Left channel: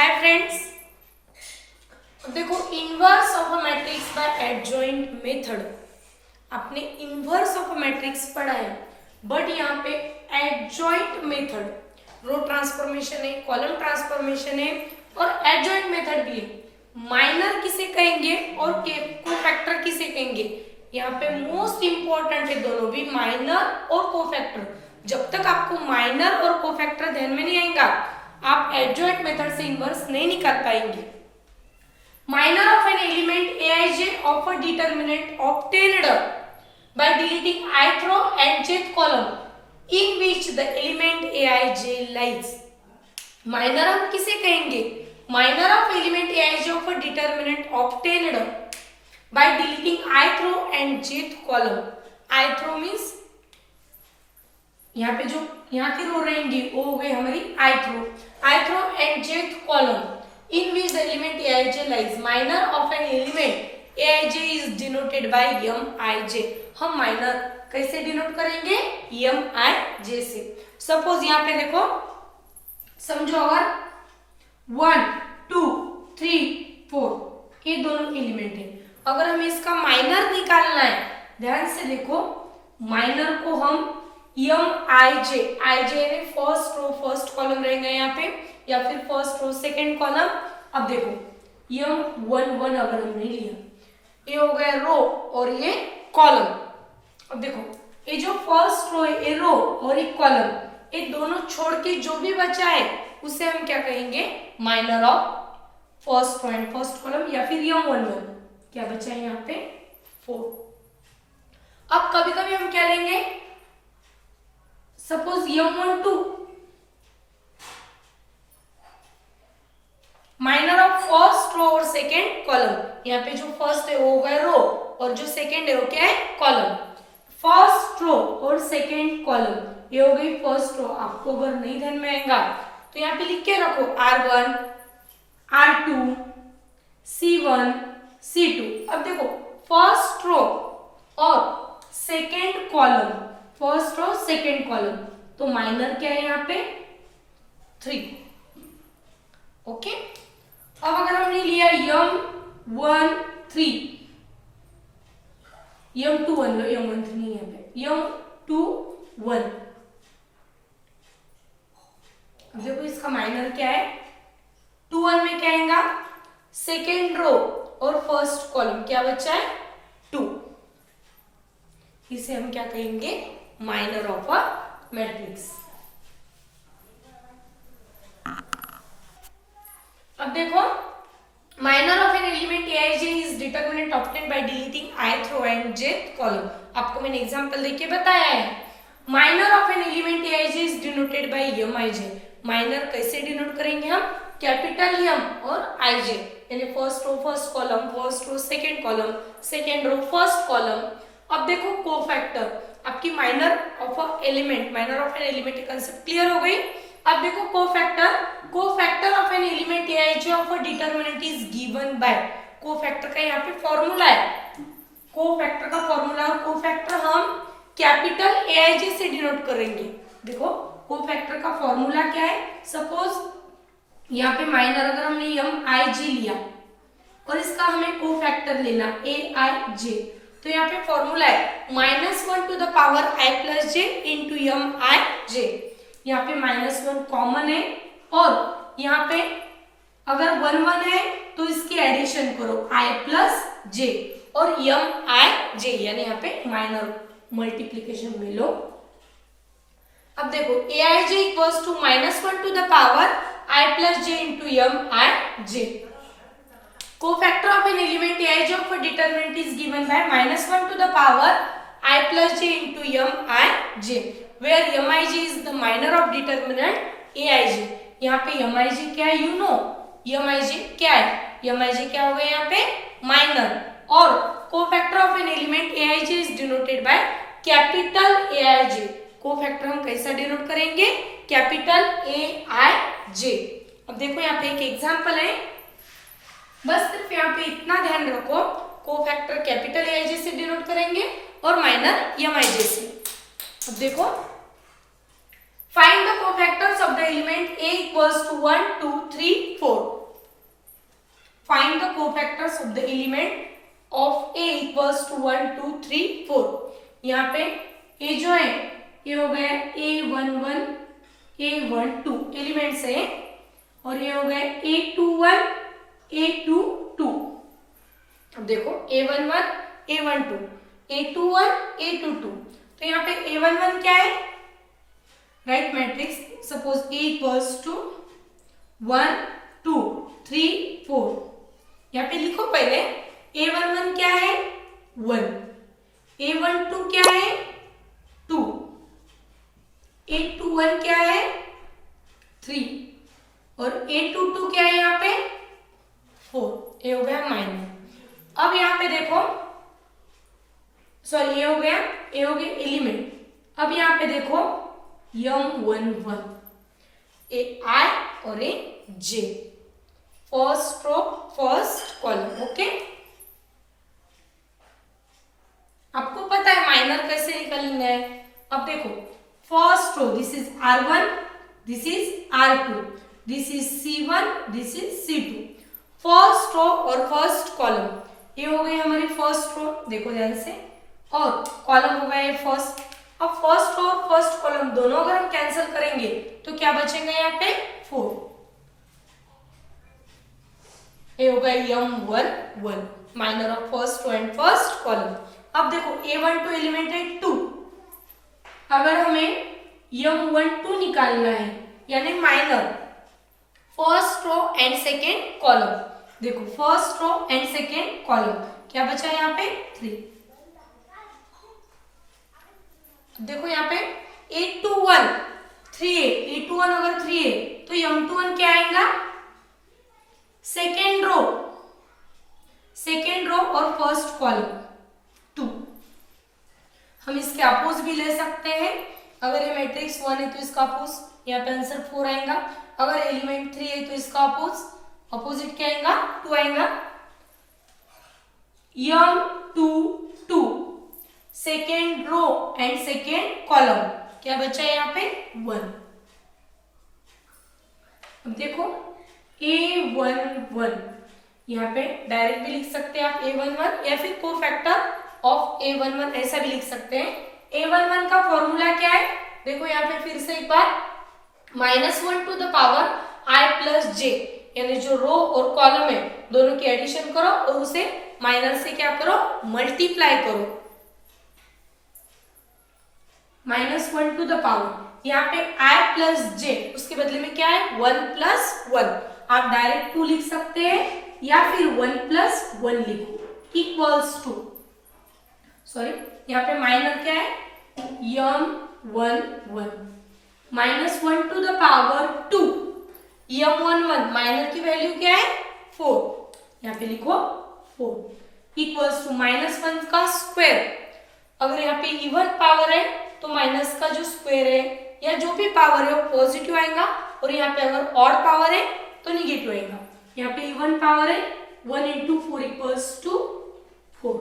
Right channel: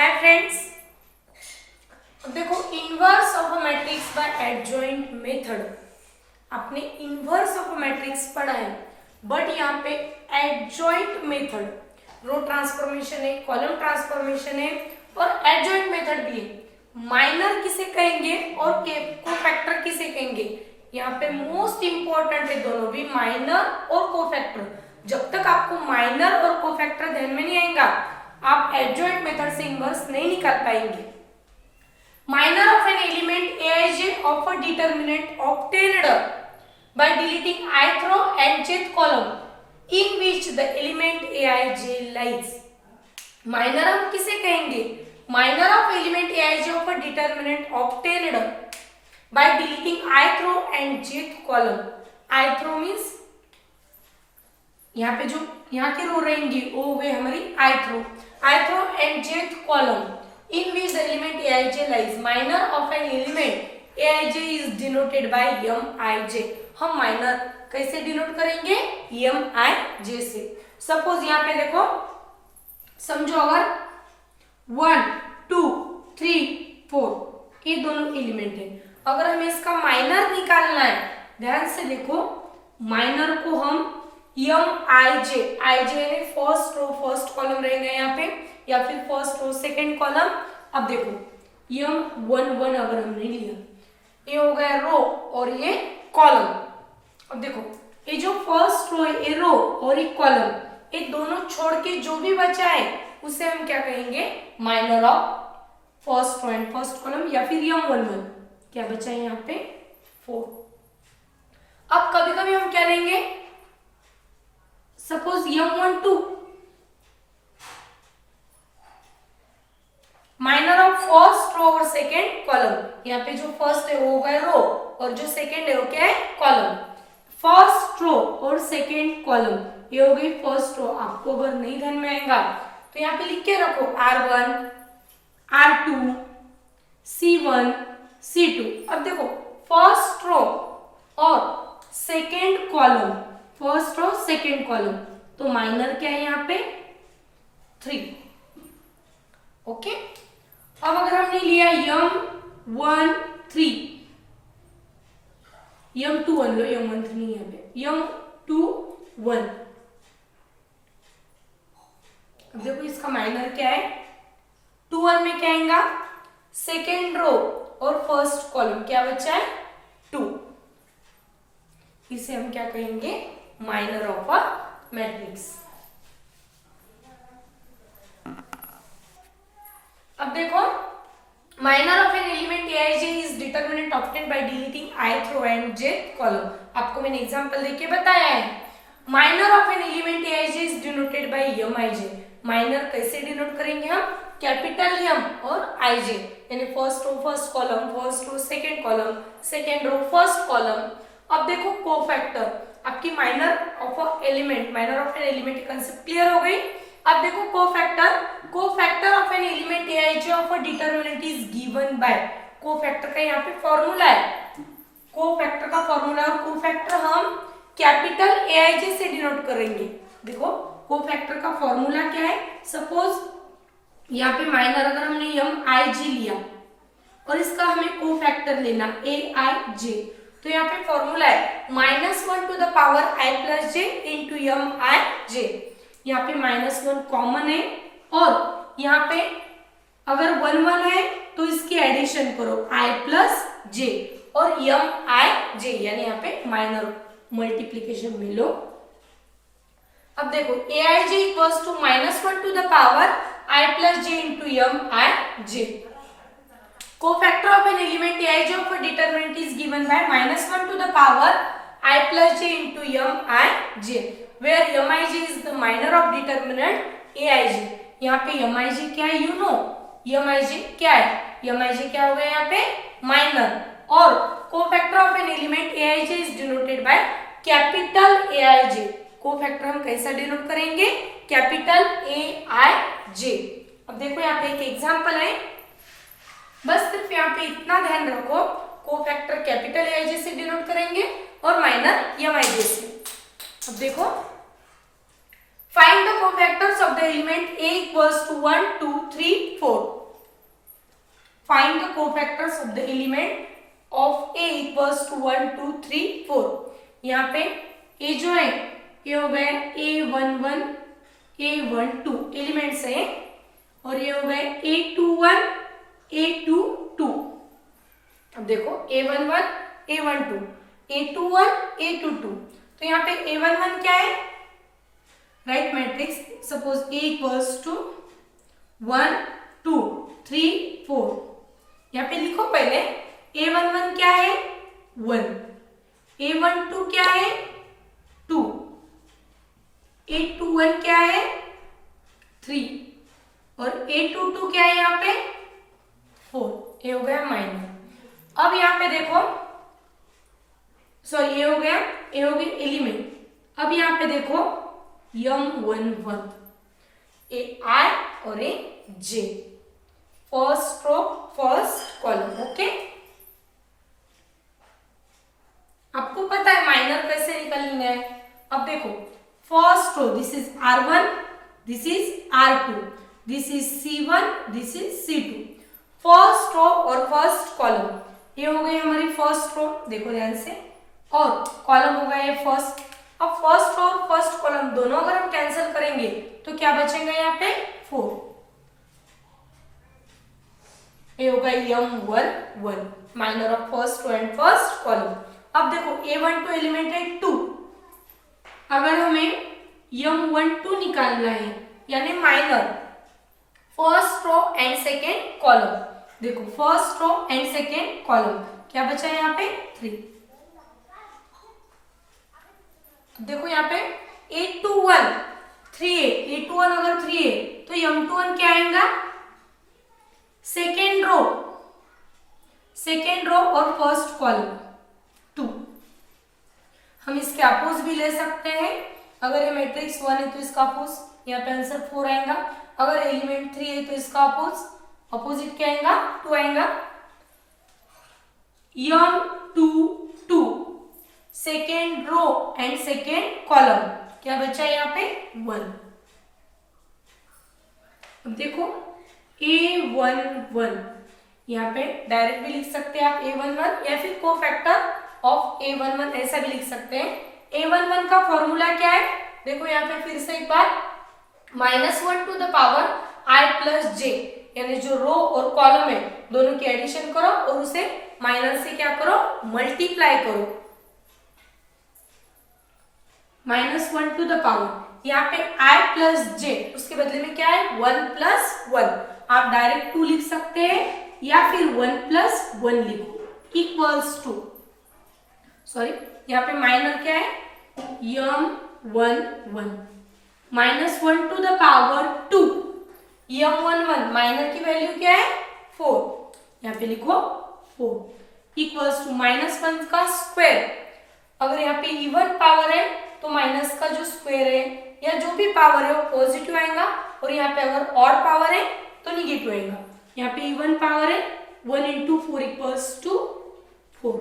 Hi friends, अब देखो inverse of a matrix bye adjoint method. आपने इनवर्स ऑफ अ मैट्रिक्स पढ़ा है, बट यहाँ पे एडजॉइंट मेथड रो ट्रांसफॉर्मेशन है, कॉलम ट्रांसफॉर्मेशन है और एडजॉइंट मेथड भी है। माइनर किसे कहेंगे और कोफैक्टर किसे कहेंगे, यहाँ पे मोस्ट इंपॉर्टेंट है दोनों भी, माइनर और कोफैक्टर। जब तक आपको माइनर और कोफैक्टर ध्यान में नहीं आएगा, आप एडजॉइंट मेथड से इनवर्स नहीं निकाल पाएंगे। Minor of an element aij of a determinant obtained by deleting ith row and jth column in which the element aij lies। Minor हम किसे कहेंगे, minor of element aij of a determinant obtained by deleting ith row and jth column। ith row means यहाँ पे जो यहाँ की रो रहेंगी वो हो गई हमारी ith row and jth column in which the element aij lies। minor of an element aij is denoted by mij। हम माइनर कैसे डिनोट करेंगे, mij से। सपोज यहाँ पे देखो, समझो अगर 1 2 3 4 ये दोनों एलिमेंट है, अगर हमें इसका माइनर निकालना है, ध्यान से देखो, माइनर को हम mij यानी फर्स्ट रो फर्स्ट कॉलम रहेगा यहाँ पे, या फिर फर्स्ट रो सेकेंड कॉलम। अब देखो m11 अगर हमने लिया, ये हो गया रो और ये कॉलम। अब देखो ये जो फर्स्ट रो है, ये रो और एक कॉलम, ये दोनों छोड़ के जो भी बचा है उसे हम क्या कहेंगे, minor of first row and first column, या फिर m11। क्या बचा है यहाँ पे 4। अब कभी कभी हम क्या लेंगे, suppose m12 minor of first row और सेकेंड कॉलम। यहाँ पे जो फर्स्ट है वो होगा रो और जो सेकेंड है वो क्या है, कॉलम। फर्स्ट रो और सेकेंड कॉलम ये हो गई फर्स्ट रो। आपको अगर नहीं ध्यान में आएगा तो यहाँ पे लिख के रखो r1 r2 c1 c2। अब देखो फर्स्ट रो और second column, first row second column, तो माइनर क्या है यहाँ पे 3। ओके, अब अगर हमने लिया m13 m21 लो, m13 नहीं यहाँ पे, m21। अब देखो इसका माइनर क्या है, 21 में क्या आएगा, सेकेंड रो और फर्स्ट कॉलम, क्या बचा है 2। इसे हम क्या कहेंगे, माइनर ऑफ अ मैट्रिक्स। अब देखो, minor of an element aij is determinant obtained by deleting ith row and jth column. आपको मैंने एग्जांपल देके बताया है। Minor of an element aij is denoted by mij। Minor कैसे डिनोट करेंगे हम, कैपिटल m और ij, यानी first row first column, first row second column, second row first column. अब देखो कोफैक्टर, आपकी minor of a element, minor of an element concept clear हो गई। अब देखो cofactor of an element aij of a determinant is given bye. Cofactor का यहाँ पे फॉर्मूला है, कोफैक्टर का फॉर्मूला, और कोफैक्टर हम कैपिटल aij से डिनोट करेंगे। देखो कोफैक्टर का फॉर्मूला क्या है, सपोज यहाँ पे माइनर अगर हमने mij लिया और इसका हमें कोफैक्टर लेना aij, तो यहाँ पे फॉर्मूला है -1 to the power i plus J into mij। यहाँ पे -1 कॉमन है और यहाँ पे अगर 1 1 है तो इसकी एडिशन करो i प्लस जे और mij, यानी यहाँ पे माइनर मल्टीप्लीकेशन में लो। अब देखो aij equals to -1 to the power i plus J into mij। Cofactor of an element aij of a determinant is given by -1 to the power i plus J into mij, where mij is the minor of determinant aij। यहाँ पे mij क्या है, you know mij क्या है, mij क्या हो गया यहाँ पे माइनर। और cofactor of an element aij is denoted by capital aij। Cofactor हम कैसा डिनोट करेंगे, कैपिटल aij। अब देखो यहाँ पे एक एग्जांपल है, बस सिर्फ यहाँ पे इतना ध्यान रखो, कोफैक्टर कैपिटल aij से डिनोट करेंगे और माइनर mij से। अब देखो Find the cofactors of the element A equals to 1, 2, 3, 4. Find the cofactors of the element of A equals to 1, 2, 3, 4. यहाँ पे A जो है ये हो गया A11, A12 एलिमेंट्स है और ये हो गए A21, A22. अब देखो A11, A12, A21, A22. तो यहाँ पे A11 क्या है? Write matrix suppose A equals to 1, 2, 3, 4. यहाँ पे लिखो पहले A11 क्या है? 1. A12 क्या है? 2. A21 क्या है? 3. और A22 क्या है यहाँ पे? 4. ये हो गया माइनर. अब यहाँ पे देखो, सॉरी ये हो गया एलिमेंट. अब यहाँ पे देखो M11, ए I और A J, first row first column. Okay, आपको पता है माइनर कैसे निकालना है. अब देखो first row this is R1, this is R2, this is C1, this is C2. First row और फर्स्ट कॉलम ये हो गई हमारी फर्स्ट रो, देखो ध्यान से, और कॉलम हो गया फर्स्ट. अब फर्स्ट रो और फर्स्ट कॉलम दोनों अगर हम कैंसिल करेंगे तो क्या बचेंगे यहाँ पे? 4. ये होगा M11 minor of first row and first column. अब देखो A12 एलिमेंट है 2. अगर हमें M12 निकालना है यानी minor first row and second column, देखो first row and second column क्या बचा यहाँ पे? 3. देखो यहाँ पे A21 3A, A21 अगर 3A तो M21 क्या आएगा? सेकेंड रो और फर्स्ट कॉलम 2. हम इसके अपोज भी ले सकते हैं. अगर ये मैट्रिक्स 1 है तो इसका अपोज यहाँ पे आंसर 4 आएगा. अगर एलिमेंट 3 है तो इसका अपोजिट क्या आएगा? 2 आएगा. M22 second row and second column क्या बचा है यहाँ पे? 1. अब देखो A11 यहाँ पे डायरेक्ट भी लिख सकते हैं आप A11 या फिर कोफैक्टर ऑफ A11 ऐसा भी लिख सकते हैं. A11 का फॉर्मूला क्या है? देखो यहाँ पे फिर से एक बार -1 to the power I plus J, यानी जो रो और कॉलम है दोनों की एडिशन करो और उसे माइनर से क्या करो? मल्टीप्लाई करो. -1 टू द पावर यहाँ पे I प्लस J, उसके बदले में क्या है? 1 प्लस 1. आप डायरेक्ट 2 लिख सकते हैं या फिर 1 प्लस 1 लिखो इक्वल्स टू, सॉरी यहाँ पे माइनर क्या है? M11 -1 to the power 2. M11 minor की वैल्यू क्या है? 4. यहाँ पे लिखो 4 इक्वल्स टू -1 का स्क्वायर. अगर यहाँ पे इवन पावर है तो माइनस का जो स्क्वायर है या जो भी पावर है वो पॉजिटिव आएगा, और यहाँ पे अगर ऑड पावर है तो निगेटिव आएगा. यहाँ पे इवन पावर है 1 इंटू 4 इक्वल्स टू 4.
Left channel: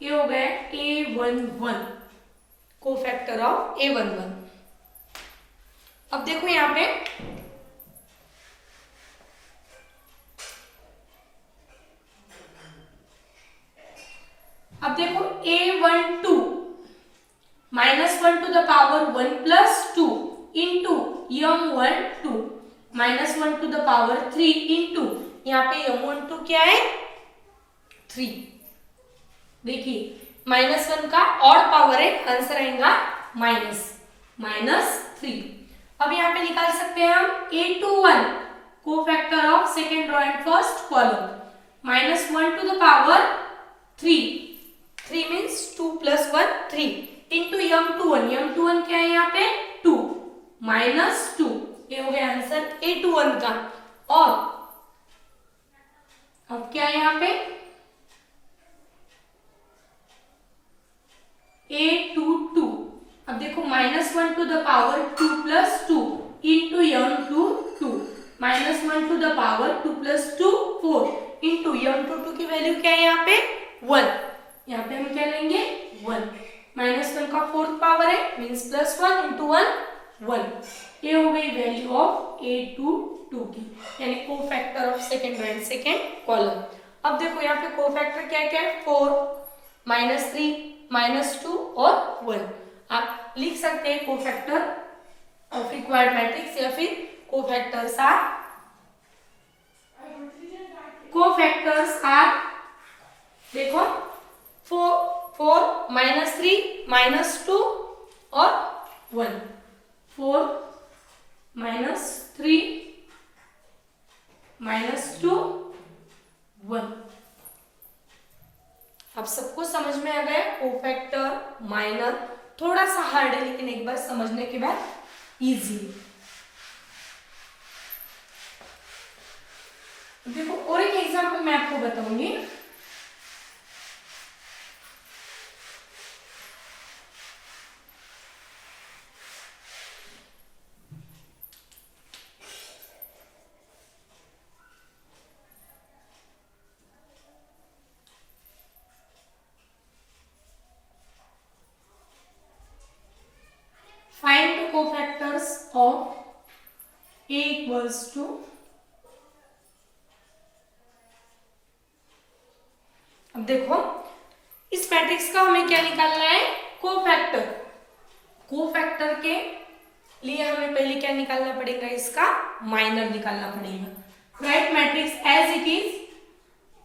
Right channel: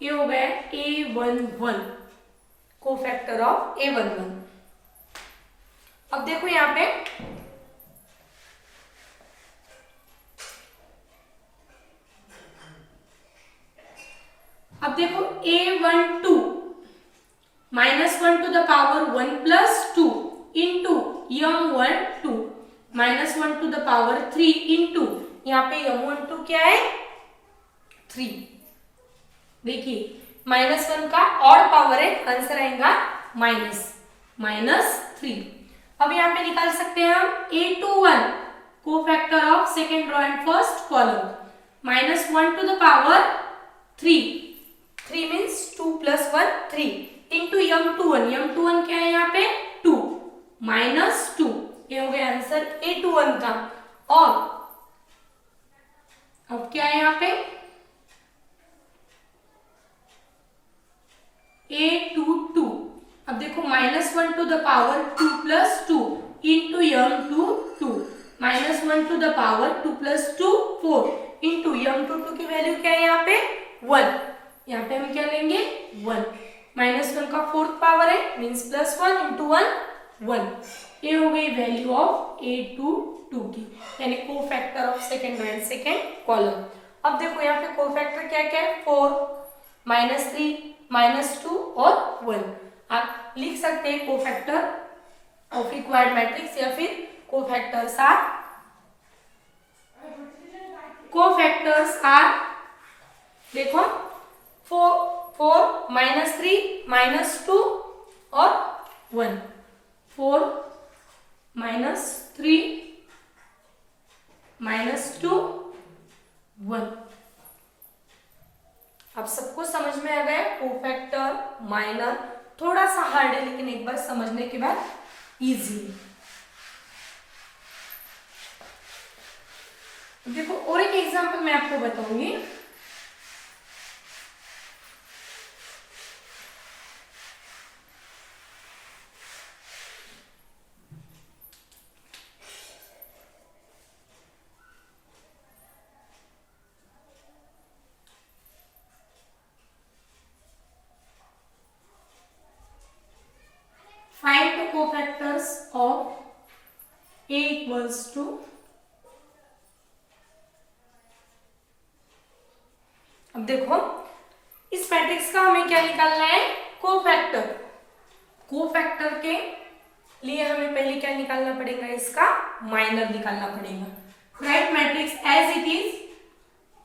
ये हो गया A11 कोफैक्टर ऑफ A11. अब देखो यहाँ पे अब देखो A12 -1 to the power 1 plus 2 into M12 -1 to the power 3 into यहाँ पे M12 क्या है? 3. देखिए -1 का ऑड पावर है, आंसर आएगा -3. अब यहाँ पे निकाल सकते हैं हम A21 cofactor of second row and first column. -1 to the power 3 means 2 plus 1 3 into M21 क्या है यहाँ पे? 2 -2. ये हो गया आंसर A21 का. और अब क्या है यहाँ पे? A22. अब देखो -1 to the power 2 plus 2 into M22 -1 to the power 2 plus 2 4 into M22 की वैल्यू क्या है यहाँ पे? 1. यहाँ पे हम क्या लेंगे? 1. -1 का फोर्थ पावर है मीन्स +1 इंटू 1 1। ये हो गई वैल्यू ऑफ A22 की, यानी cofactor of second row and second column. अब देखो यहाँ पे कोफैक्टर क्या क्या है, 4, -3, -2 और 1। आप लिख सकते हैं कोफैक्टर ऑफ रिक्वायर्ड मैट्रिक्स, या फिर कोफैक्टर्स आर देखो 4, -3, -2 और 1। 4, -3, -2, 1। अब सबको समझ में आ गया कोफैक्टर, माइनर, थोड़ा सा हार्ड है लेकिन एक बार समझने के बाद इजी। देखो और एक एग्जांपल मैं आपको बताऊंगी। Find the cofactors of A equals to अब देखो इस मैट्रिक्स का हमें क्या निकालना है, कोफैक्टर। कोफैक्टर के लिए हमें पहले क्या निकालना पड़ेगा, इसका माइनर निकालना पड़ेगा। Write matrix as it is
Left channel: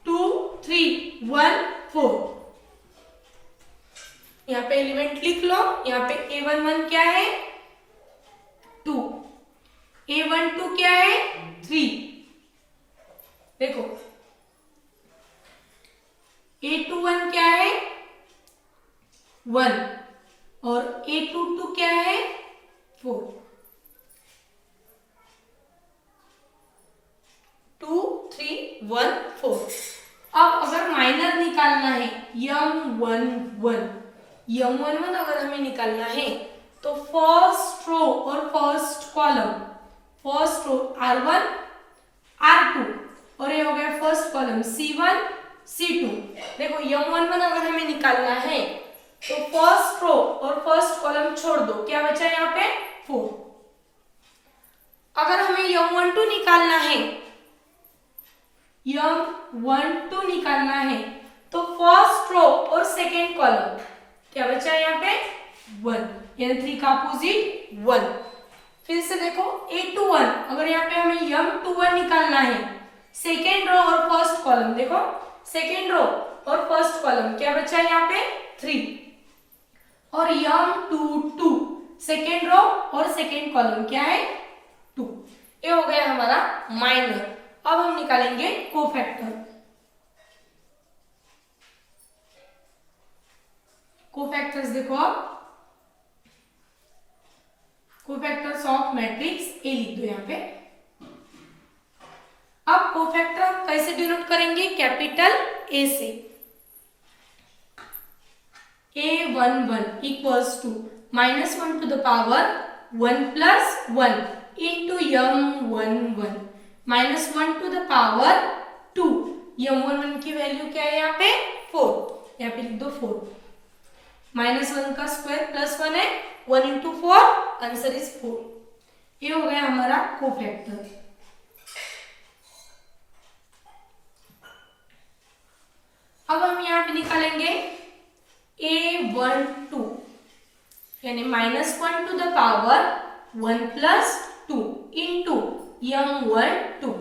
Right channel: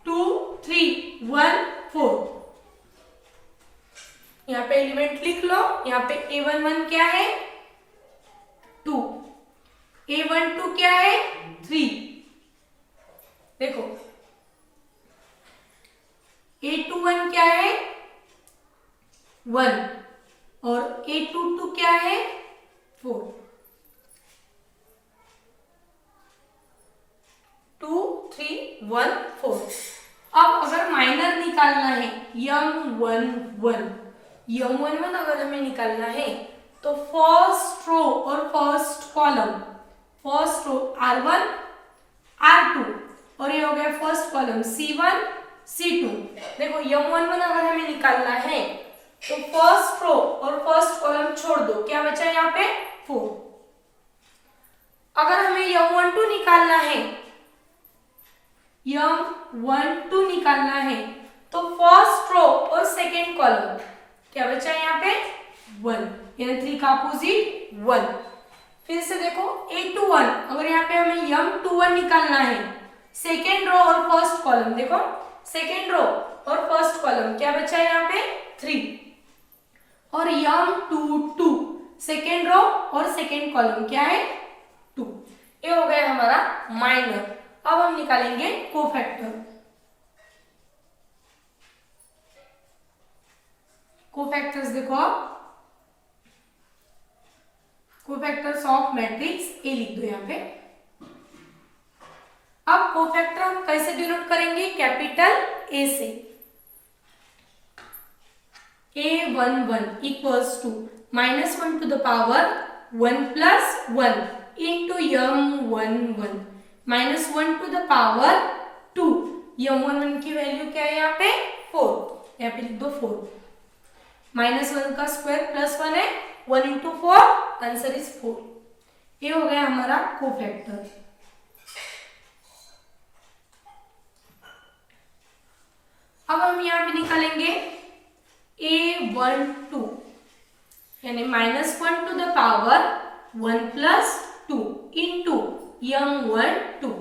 2, 3, 1, 4। यहाँ पे एलिमेंट लिख लो। यहाँ पे A11 क्या है, 2, A12 क्या है, 3। देखो A21 क्या है, 1 और A22 क्या है, 4। 2, 3, 1, 4। अब अगर माइनर निकालना है M11 अगर हमें निकालना है तो फर्स्ट रो और फर्स्ट कॉलम, फर्स्ट रो R1, R2 और ये हो गया फर्स्ट कॉलम C1, C2। देखो M11 अगर हमें निकालना है तो फर्स्ट रो और फर्स्ट कॉलम छोड़ दो, क्या बचा यहाँ पे, 4। अगर हमें M12 निकालना है तो फर्स्ट रो और सेकेंड कॉलम क्या बचा है यहाँ पे, 1, यानी 3 का अपोजिट 1। फिर से देखो A21 अगर यहाँ पे हमें M21 निकालना है, सेकेंड रो और फर्स्ट कॉलम, देखो सेकेंड रो और फर्स्ट कॉलम क्या बचा है यहाँ पे, 3 और M22 सेकेंड रो और सेकेंड कॉलम क्या है, 2। ये हो गया हमारा माइनर। अब हम निकालेंगे कोफैक्टर। कोफैक्टर्स देखो आप, कोफैक्टर्स ऑफ मैट्रिक्स ए लिख दो यहाँ पे। अब कोफैक्टर कैसे डिनोट करेंगे, कैपिटल ए से। A11 equals to -1 to the power 1 plus 1 into M11 -1 to the power 2। M11 की वैल्यू क्या है यहाँ पे, 4, यहाँ पे लिख दो 4। -1 का स्क्वायर प्लस 1 है, 1 इंटू 4, आंसर इज 4। ये हो गया हमारा कोफैक्टर। अब हम यहाँ पे निकालेंगे A12 यानी -1 to the power 1 plus 2 into M12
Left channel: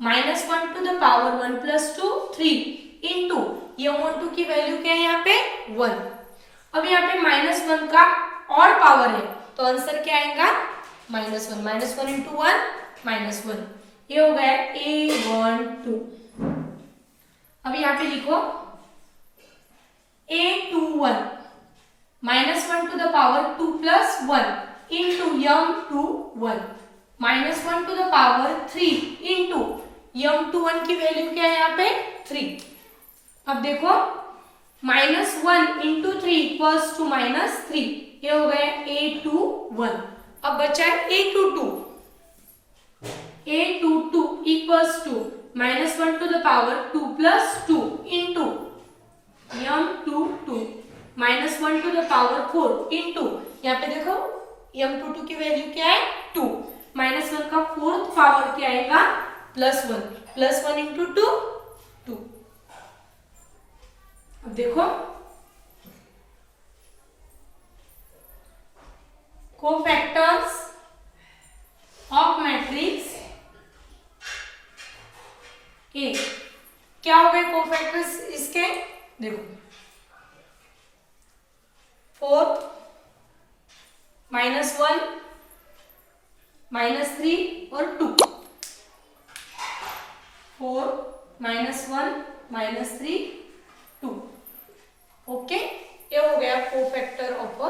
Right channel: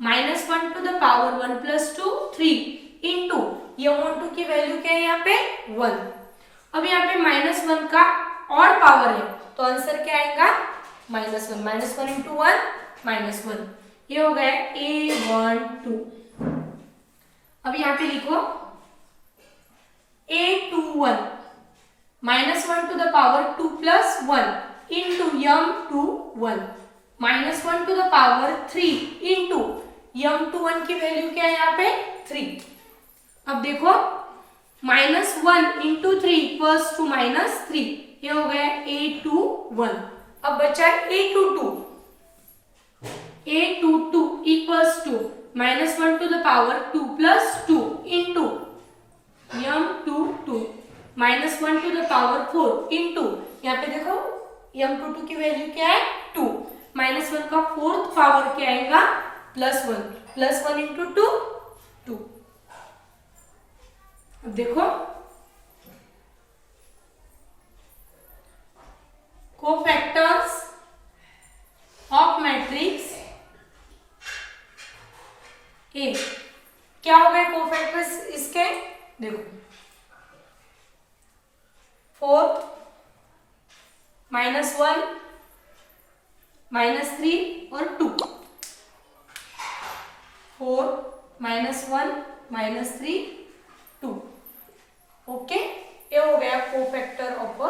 -1 to the power 1 plus 2 3 into M12 की वैल्यू क्या है यहाँ पे, 1। अब यहाँ पे -1 का और पावर है तो आंसर क्या आएगा, -1 इंटू 1 -1। ये हो गया A12। अब यहाँ पे लिखो A21 -1 to the power 2 plus 1 into M21 -1 to the power 3 into M21 की वैल्यू क्या है यहाँ पे, 3। अब देखो -1 इंटू 3 इक्वल्स टू -3। ये हो गया A21। अब बचा है A22 equals to -1 to the power 2 plus 2 into M22 -1 to the power 4 into यहाँ पे देखो m22 की वैल्यू क्या है 2, -1 का फोर्थ पावर क्या आएगा +1, +1 इंटू 2 अब देखो कोफैक्टर्स ऑफ मैट्रिक्स ए, क्या हो गए कोफैक्टर्स इसके, देखो 4 -1 -3 और 2, 4 -1 -3 2, ओके, ये हो गया cofactor of a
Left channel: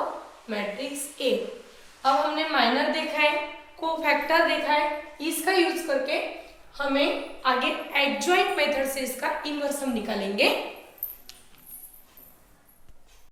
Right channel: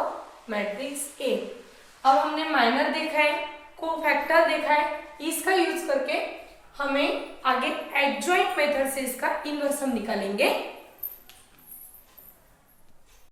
matrix A. अब हमने माइनर देखा है, कोफैक्टर देखा है, इसका यूज करके हमें आगे एडजॉइंट मेथड से इसका इन्वर्स हम निकालेंगे।